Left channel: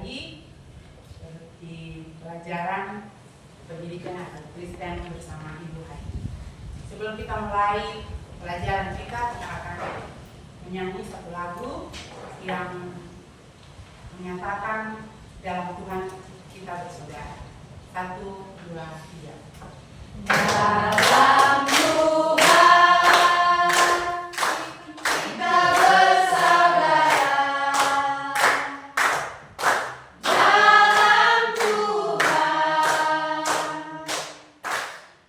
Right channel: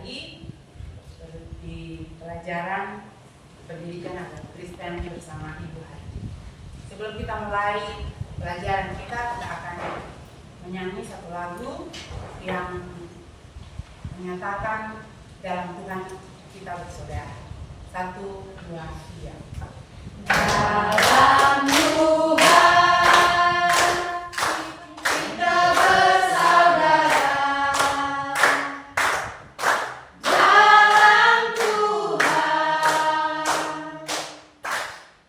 kembali di pelajaran pendidikan agama Kristen bersama Ibu Hari. Sebelum kita mulai pelajaran kita akan menyanyi satu lagu yang menyatakan dalam Tuhan kita bersaudara. 1, 2, 3. Dalam Tuhan kita bersaudara. Dalam Tuhan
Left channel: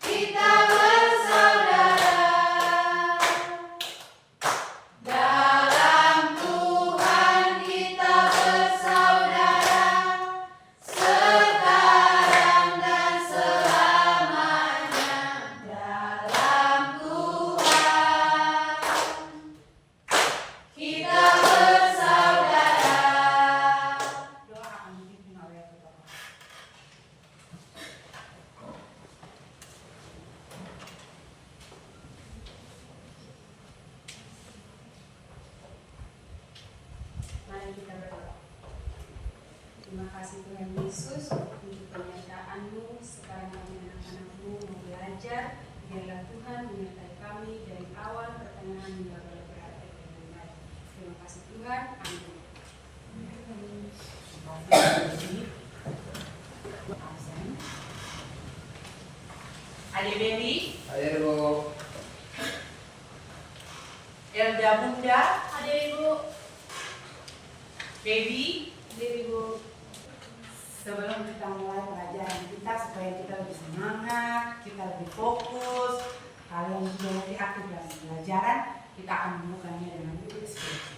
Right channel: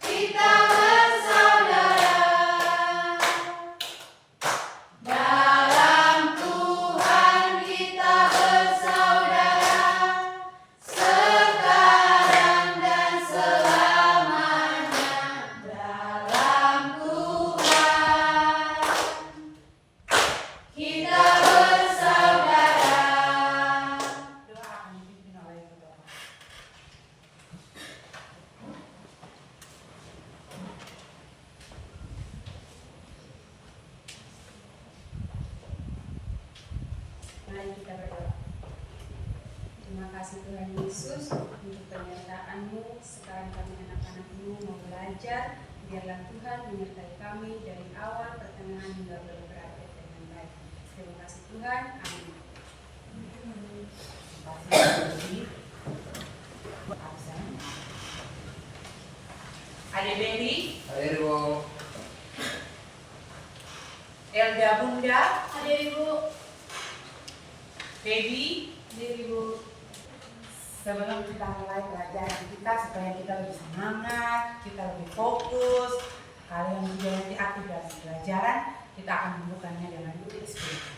kita bersaudara. Dalam Tuhan kita bersaudara. Sekarang dan selamanya. Dalam Tuhan kita bersaudara. Doa akan dipimpin oleh Bapak. Mari kita berdoa. Terima kasih Tuhan Yesus untuk penyertaan-Mu. Sekarang kami anak-anak-Mu mau belajar. Biarlah Tuhan menyertai kami dari awal, pertengahan hingga berakhir dengan baik. Terima kasih Tuhan. Amin. Terima kasih. Absen. Adik Bendi, Hadir Bu. Elda Bunda, Hadir Ibu. Baby. Hadir Ibu. Sebelum kita mulai pelajaran kita supaya kita lebih semangat, kita lebih fokus, kalian juga nanti aktif dalam pelajaran, kita akan membukanya dengan doa spiritual.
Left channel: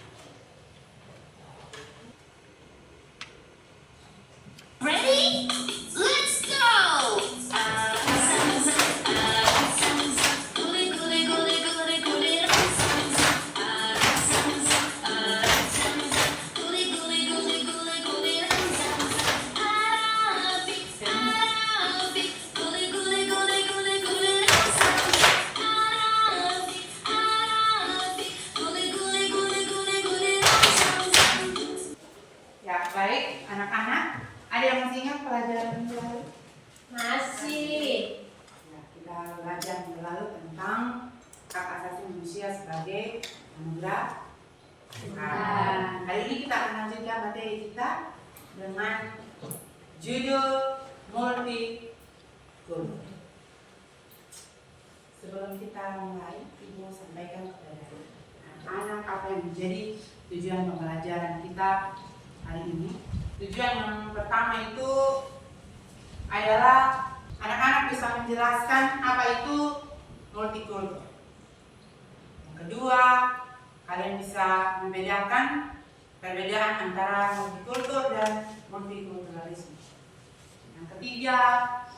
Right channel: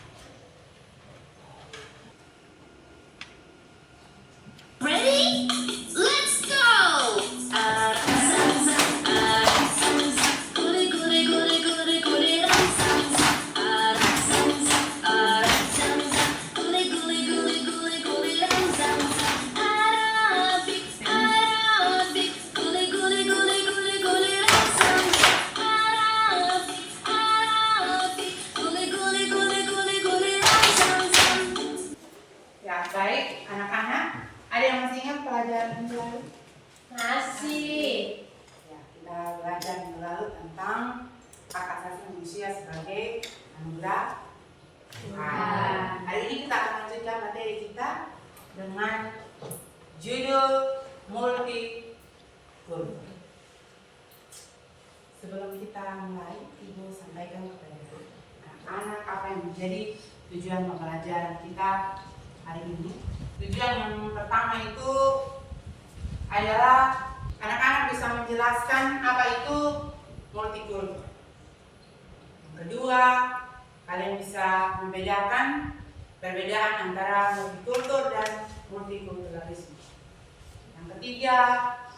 Ready? Let's go! Ya, baik anak-anak, ada yang masih ingat pelajaran minggu lalu? Masih. Ya, kita belajar minggu lalu tentang hak asasi manusia sebagai anugerah Tuhan. Hari ini kita akan lanjutkan materi kita dengan judul multikultur. Sebelum kita mulai, Ibu sampaikan kepada anak-anak apa yang menjadi tujuan pembelajaran kita hari ini. Tujuan yang pertama itu adalah anak-anak bisa menjelaskan apa itu multikultur. Yang kedua, kalian bisa membedakan perbedaan antara multikultur dan multikulturalisme. Yang ketiga,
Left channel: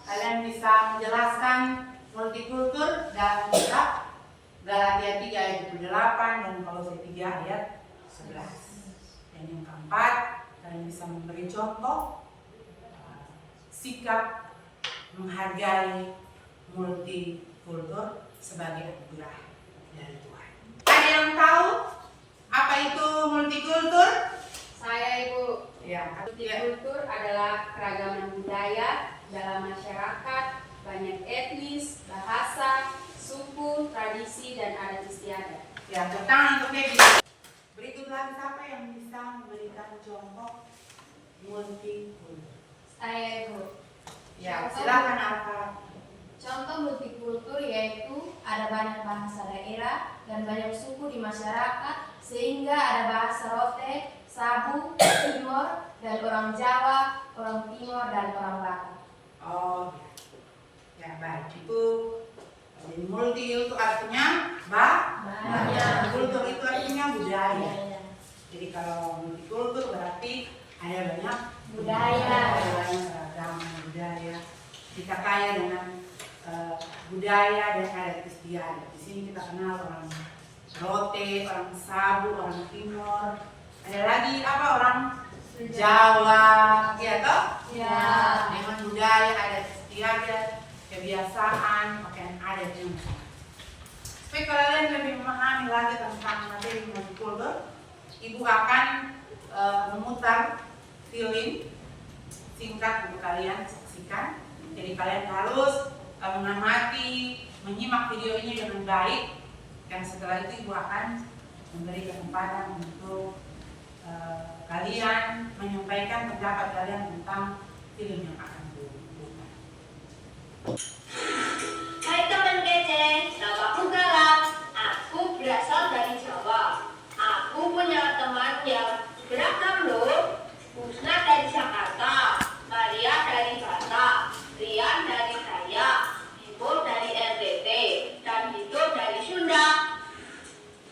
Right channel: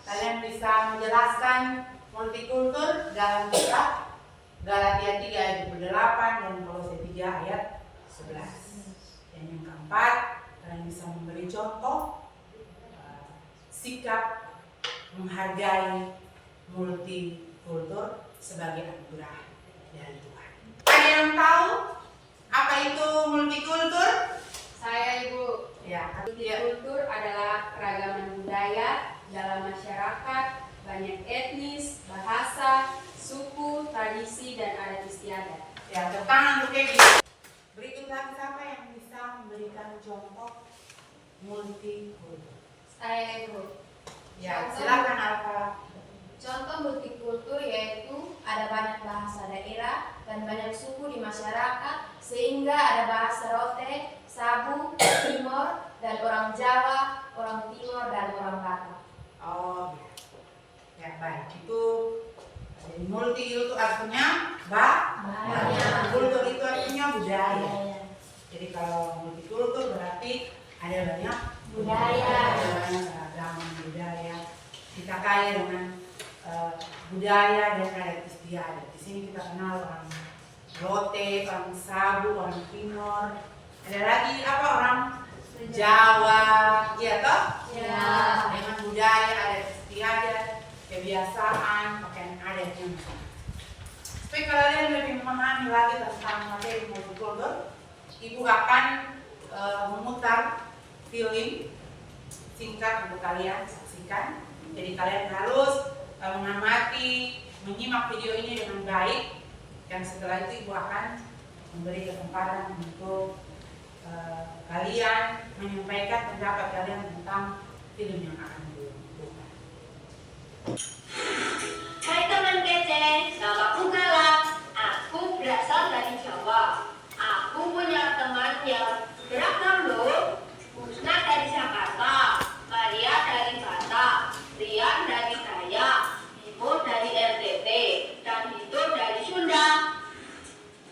kalian bisa menjelaskan multikultur dalam kitab Galatia 3 ayat 28 dan Kolose 3 ayat 11. Dan yang keempat, kalian bisa memberi contoh sikap menghargai multikultur sebagai anugerah dari Tuhan. Ada yang tahu apa itu multikultur? Saya Ibu. Ya, Multikultur adalah keragaman budaya dalam masyarakat, banyak etnis, bahasa, suku, tradisi, dan adat istiadat. ya, tepuk tangan untuk Kevin. Berikutlah siapa yang bisa memberikan contoh multikultur? Saya Ibu. Ya, silakan Alfa. Contoh multikultur yaitu ada banyak bahasa daerah dan banyak suku di masyarakat, sehingga ada bahasa Rote, Sabu, Timor, dan orang Jawa, orang Timor, dan orang Batak. Oh, ya, baik. Itu jadi multi itu artinya banyak. Kultur itu artinya budaya. Jadi kalau multikultur berarti ada banyak Budaya. ada banyak keragaman budaya. Kita kaya dengan budaya dan adat istiadat. Di sini kita kenal orang Rote, orang Sabu, orang Timor. Ada lagi apa orang Jawa, ya toh? Ya. Dengan budaya adat istiadat, kebiasaan, pakaian adat yang macam. Supaya kalian lebih memahami lagi tentang materi multikultur, Ibu akan memutar film singkat untuk kalian saksikan. Jadi kalian harus mengamati, menyimak video ini dengan baik. Dan setelah itu Ibu akan memberi kesempatan untuk kalian menyampaikan pendapat kalian tentang film yang akan dibuka. Hai teman kece, namaku Galang. Aku berasal dari Jawa. Aku punya teman yang beragam loh. Musna dari Jakarta, Maria dari Batak, Rian dari Dayak, Bimo dari NTT, dan Hito dari Sunda.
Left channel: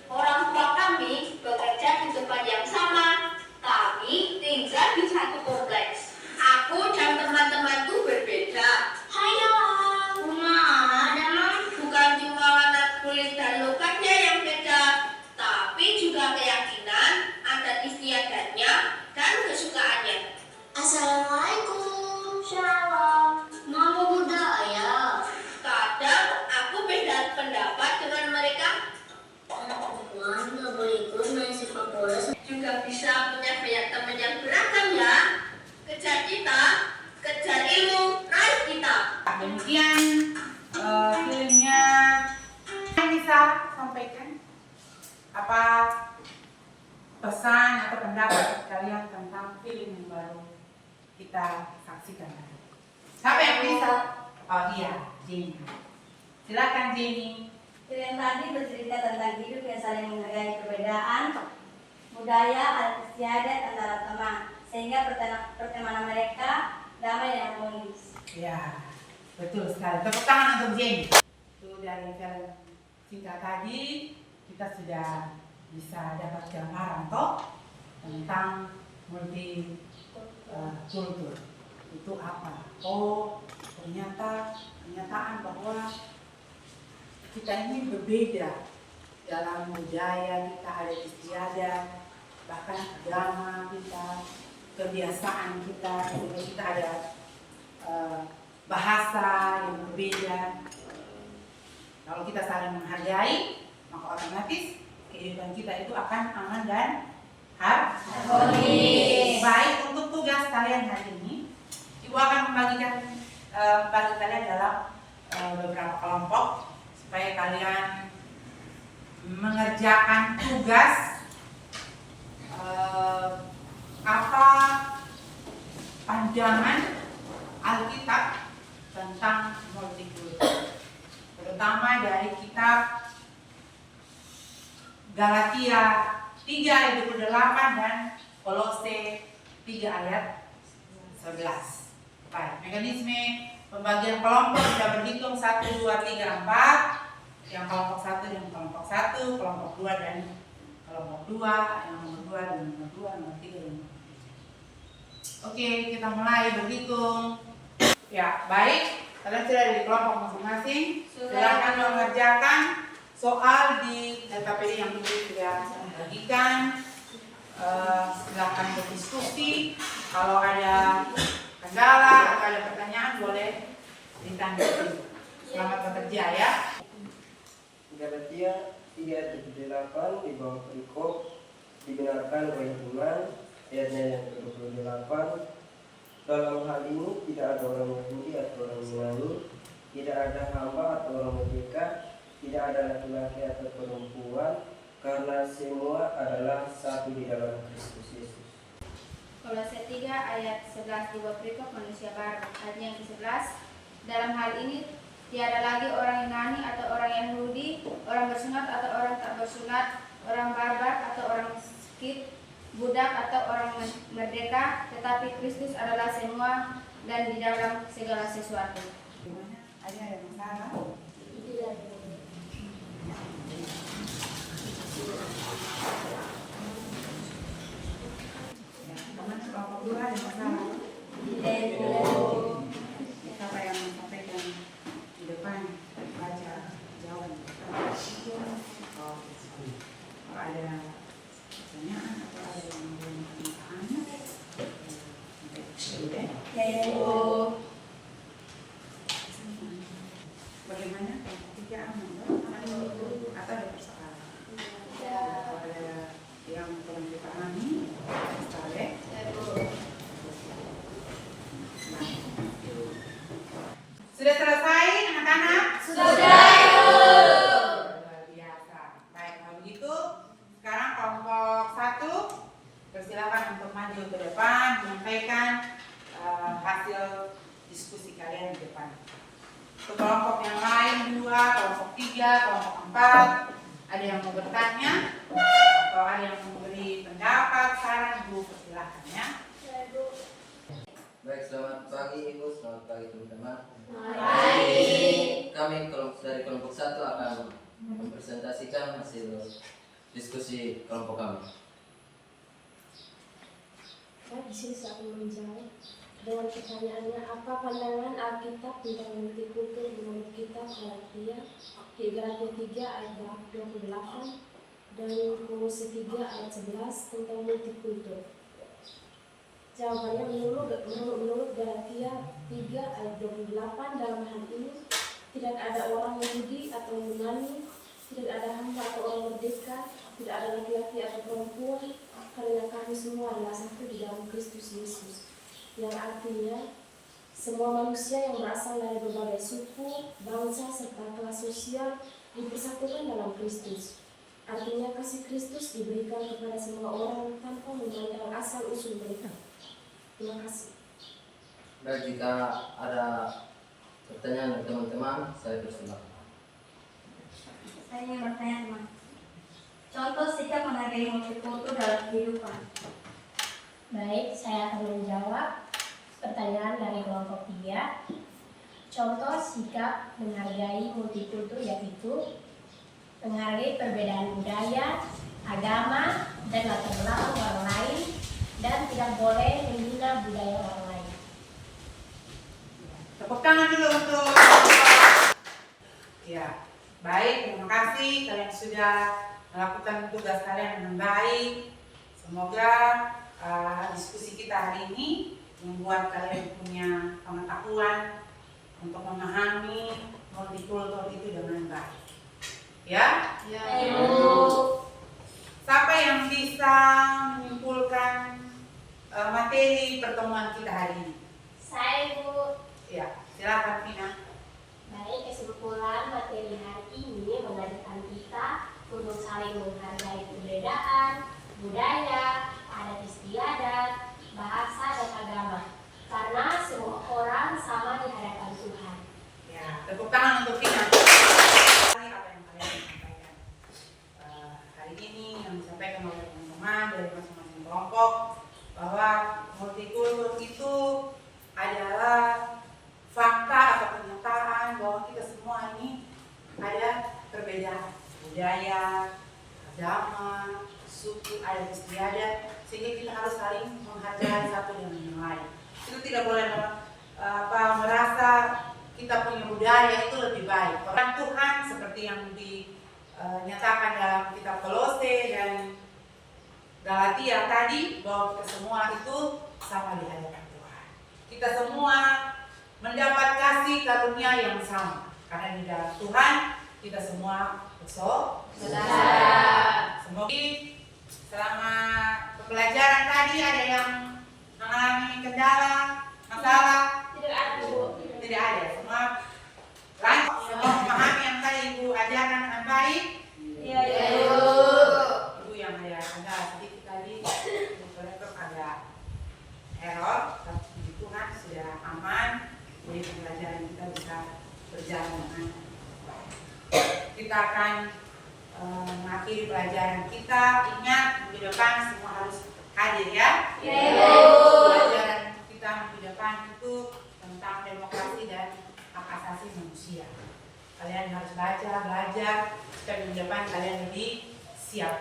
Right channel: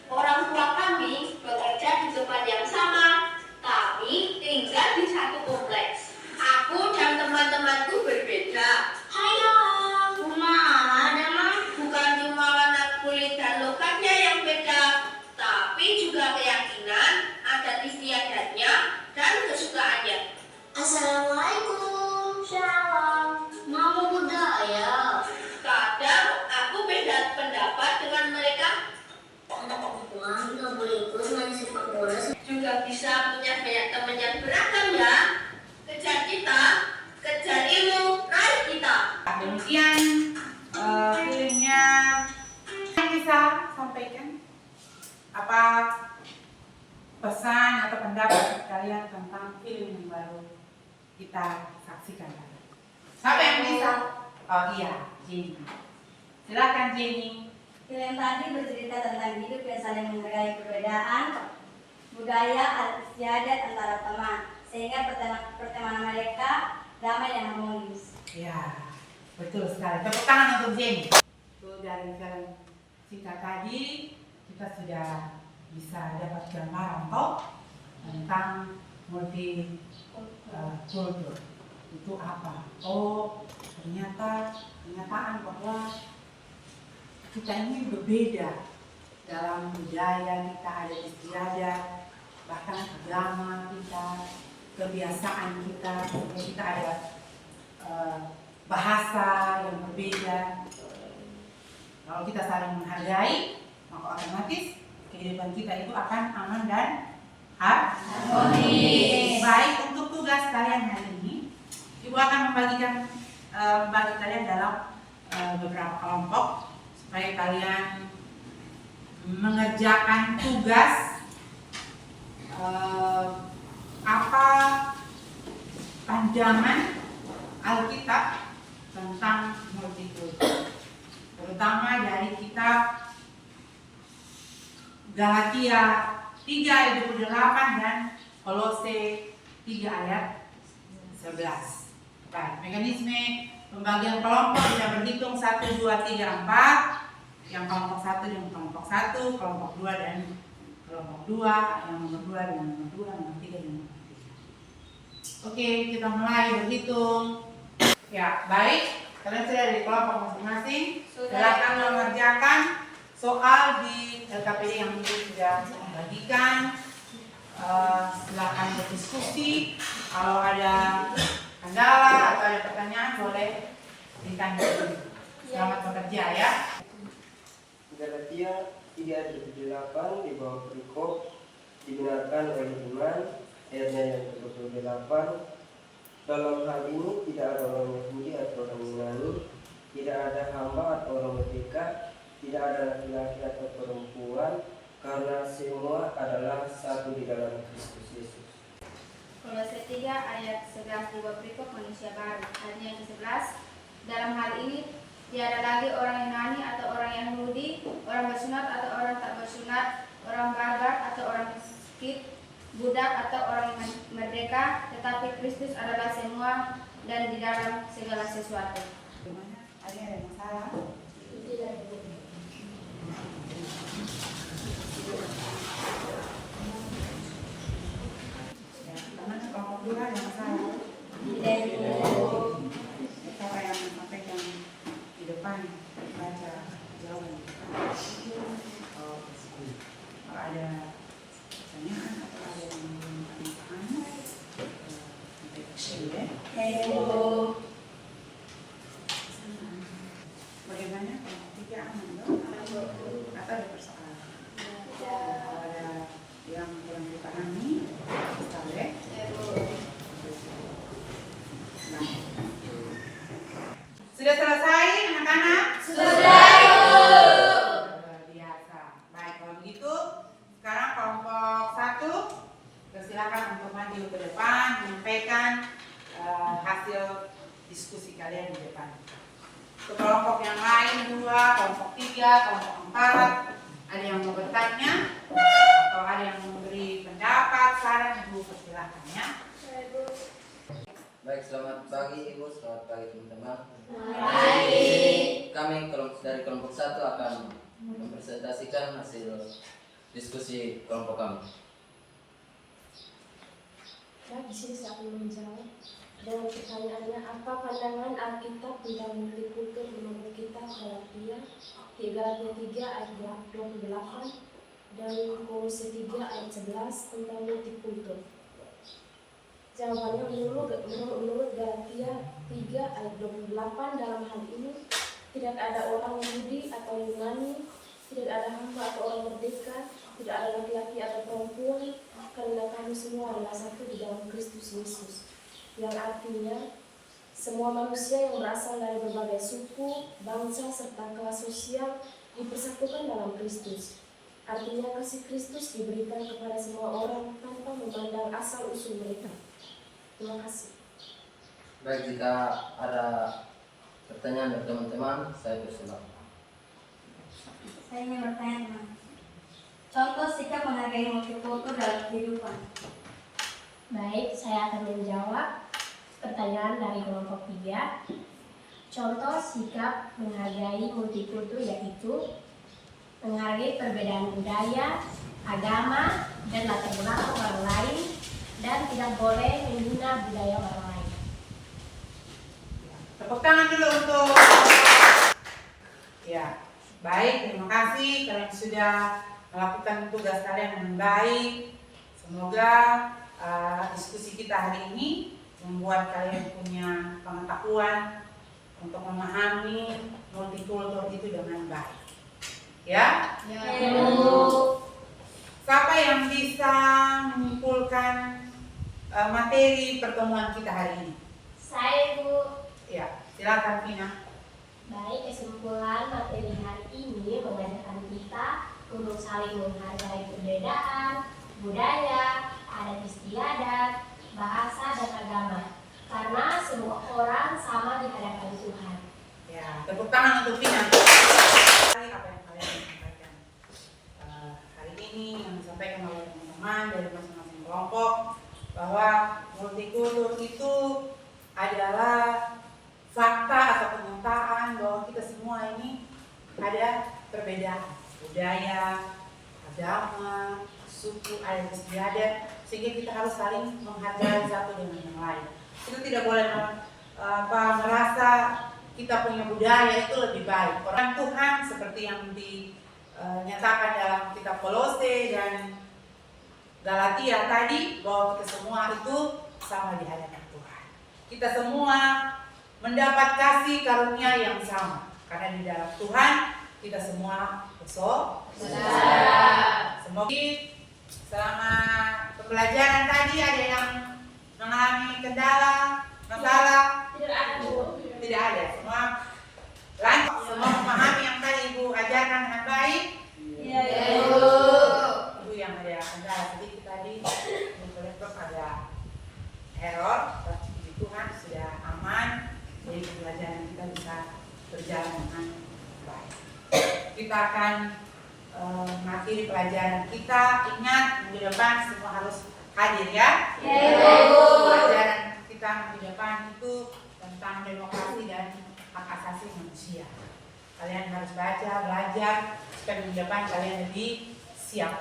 Orang tua kami bekerja di tempat yang sama. Kami tinggal di satu kompleks. Aku dan teman-temanku berbeda. Hayo, bukan cuma warna kulit dan logatnya yang beda, tapi juga keyakinan, adat istiadatnya, dan kesukaannya. Assalamualaikum. Shalom. Mau budaya. Kadang aku beda pendapat dengan mereka. Perempuan nggak boleh ikut main sepak bola. Juga bisa punya banyak teman yang beragam ya. Kejar kita, kejar ilmu, raih kita. Demikian filmnya. Yang bisa sampaikan apa pesan atau pendapat kalian tentang film yang baru kita saksikan tadi? Siapa yang bisa? Oh iya, Jenny. Silakan Jenny. Film tadi bercerita tentang hidup yang saling menghargai perbedaan, budaya, adat istiadat antara teman, sehingga pertemanan mereka damai dan harmonis. Ya, betul sekali. Tepuk tangan untuk Jenny. Itu dari film singkat tadi kita sudah bisa dapat gambaran toh tentang multikultur itu apa. Oh, ternyata kenyataan bahwa kita ini berbeda dalam budaya kita, adat istiadat, bahkan agama kita, kebiasaan kita, kita ada bahasa yang berbeda. Kalau kita saling menghargai, maka otomatis kehidupan kita itu akan aman dan harmonis. Baik, untuk tugas kalian hari ini, Ibu akan membagikan bagi kalian dalam beberapa kelompok supaya kalian mengerjakan tugas apa pandangan Alkitab tentang multikultur, terutama dari kitab Galatia 3 ayat 28 dan Kolose 3 ayat 11. Baik, mekanisme pembagian kelompok sudah berhitung 1, 2, 3, 4. Yang kelompok 1 dan kelompok 1, kelompok 2 dan kelompok 2, yang nomor 2 dan nomor 2, nomor 3 dan nomor 3. Oke, kita mulai berhitung. Ya, baik. Kalian sudah di kelompok masing-masing. Silakan mengerjakan soal di LKPD yang sudah membagikan. Silakan berdiskusi. Kalau ada kendala atau ada pertanyaan boleh ditanya. Selamat bekerja ya. Galatia 3:28 di bawah perikop dibenarkan oleh iman, ayatnya yang ke-28. Dalam hal ini tidak ada orang Yahudi atau orang Yunani, tidak ada hamba atau orang merdeka, tidak ada laki-laki atau perempuan, karena semua adalah satu di dalam Kristus Yesus. Kolose 3 ayat 11 di bawah perikop manusia baru. Ayatnya yang ke-11. Dalam hal ini tiada lagi orang Yunani atau orang Yahudi, orang bersunat atau orang tak bersunat, orang barbar atau orang miskin, budak atau orang merdeka, tetapi Kristus adalah semua dan di dalam segala sesuatu. Gimana? Ada yang salah? Ya, kemana kelompok 2 ada masalah? Siapa yang sampaikan di depan baca jawaban? Oh, kalau ada pertanyaan atau ada yang belum paham, bagaimana kelompok 3 aman atau ada persoalan? Kalau ada yang kurang dipahami, boleh. Sudah selesai anak-anak? Sudah, Ibu. Luar biasa. Baik, kalau begitu sekarang kelompok 1 persilakan untuk maju ke depan menyampaikan hasil diskusi kalian di depan. Untuk kelompok yang lain 2, kelompok 3, kelompok 4, ada yang mau bertanya atau ada yang mau memberi pendapat, saran, Ibu persilakan ya. Baik, selamat pagi Ibu, selamat pagi teman-teman. Baik. Kami dari kelompok 1 akan mempresentasikan hasil diskusi kelompok kami. Di sini saya akan menjawab dengan pertanyaannya, apa pandangan Alkitab tentang multikultur menurut kitab Galatia 3 ayat 28 dan Kolose 3 ayat 11 tentang multikultur? Jawabannya menurut Galatia 3 ayat 28, dalam hal ini tidak ada orang Yahudi atau Yunani, tidak ada hamba atau orang merdeka, tidak ada laki-laki atau perempuan, karena kami semua adalah satu di dalam Kristus Yesus. Yang artinya semua manusia yang berasal dari berbagai suku, bangsa, serta kelas sosial dipersatukan dalam Kristus. Artinya kasih Kristus diberikan kepada semua orang tanpa memandang asal usul mereka. Terima kasih. Baik, jika ada pertanyaan dari teman-teman, saya persilakan. Saya ingin bertanya teman. Contoh sikap menghargai multikultur dalam kehidupan. Baik, saya akan menjawab pertanyaan dari kelompok 3. Contoh sikap menghargai multikultur yaitu menghargai perbedaan budaya, agama, dan latar belakang orang lain, dan tidak boleh menghina budaya orang lain. Tepuk tangan dulu untuk ya. Baik, terima kasih kalian sudah melakukan tugas kalian dengan baik. Semoga diskusi kita hari ini membuat kalian punya pengetahuan untuk memahami multikultur itu dengan baik. Ya? Ya. Siapa yang bisa menyimpulkan materi pertemuan kita hari ini? Saya, Bu. Ya, silakan Vina. Baik, kesimpulan materi hari ini mengajarkan kita untuk saling menghargai perbedaan, budaya, adat istiadat, bahasa, dan agama. Karena semua orang sama di hadapan Tuhan. Ya, tepuk tangan untuk Vina. Apa yang kalian sampaikan hari ini yang disampaikan oleh teman-teman dari masing-masing kelompok, bahwa multikultur itu adalah fakta atau kenyataan bahwa kita semua ini ada perbedaan budaya, agama, suku, adat istiadat, sehingga kita harus saling menghargai satu dengan yang lain. Itu tidak boleh merasa kita punya budaya itu lebih baik. Orang Tuhan seperti yang dinyatakan dalam kitab Kolose dan Galatia tadi, bahwa kita semua itu sama di hadapan Tuhan. Kita semua mendapat kasih karunia yang sama, karena di dalam Tuhan kita semua bersaudara. Semoga selama pembelajaran tadi ada yang mengalami kendala, masalah? Tidak ada, Bu. Tidak ada. Semua lanjut, semua memahami yang tadi Ibu ajarkan dengan baik. Iya, Ibu yang ada kendala sedikit tadi, Ibu laptop ada error, tapi puji Tuhan sudah aman. Jadi pembelajaran kita bisa berjalan dengan baik. Kita akan mengakhiri pelajaran kita. Ingat, minggu depan semua harus hadir ya. Pelajaran kita minggu depan itu tentang demokrasi dan hak asasi manusia. Kalian harus baca, belajar, supaya minggu depan kalian lebih siap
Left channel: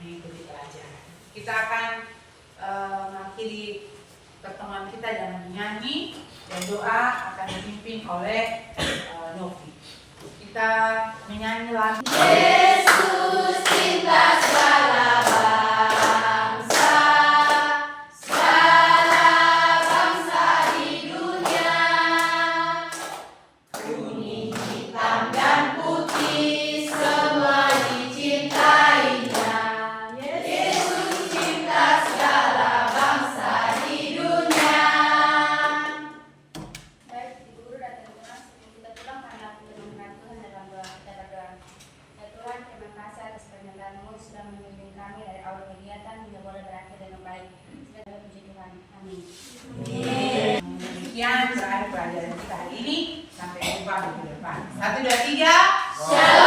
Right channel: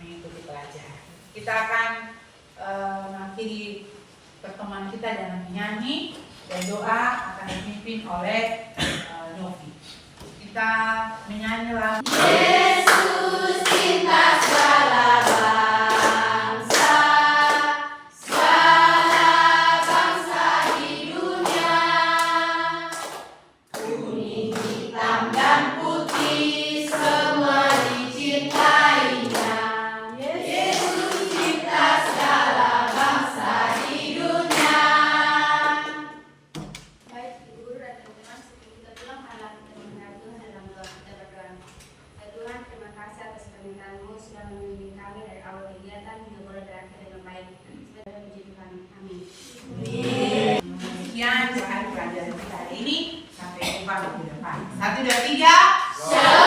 mengikuti pelajaran. Kita akan mengakhiri pertemuan kita dengan menyanyi, dan doa akan dipimpin oleh Novi. Kita menyanyi lagu Yesus cinta segala bangsa, segala bangsa di dunia. Kuning, hitam, dan putih semua dicintainya. Yesus cinta segala bangsa di dunia. Baik, Ibu Guru dan teman-teman, pelajaran kita hari ini. Sampai jumpa minggu depan. 1, 2, 3. Shalom.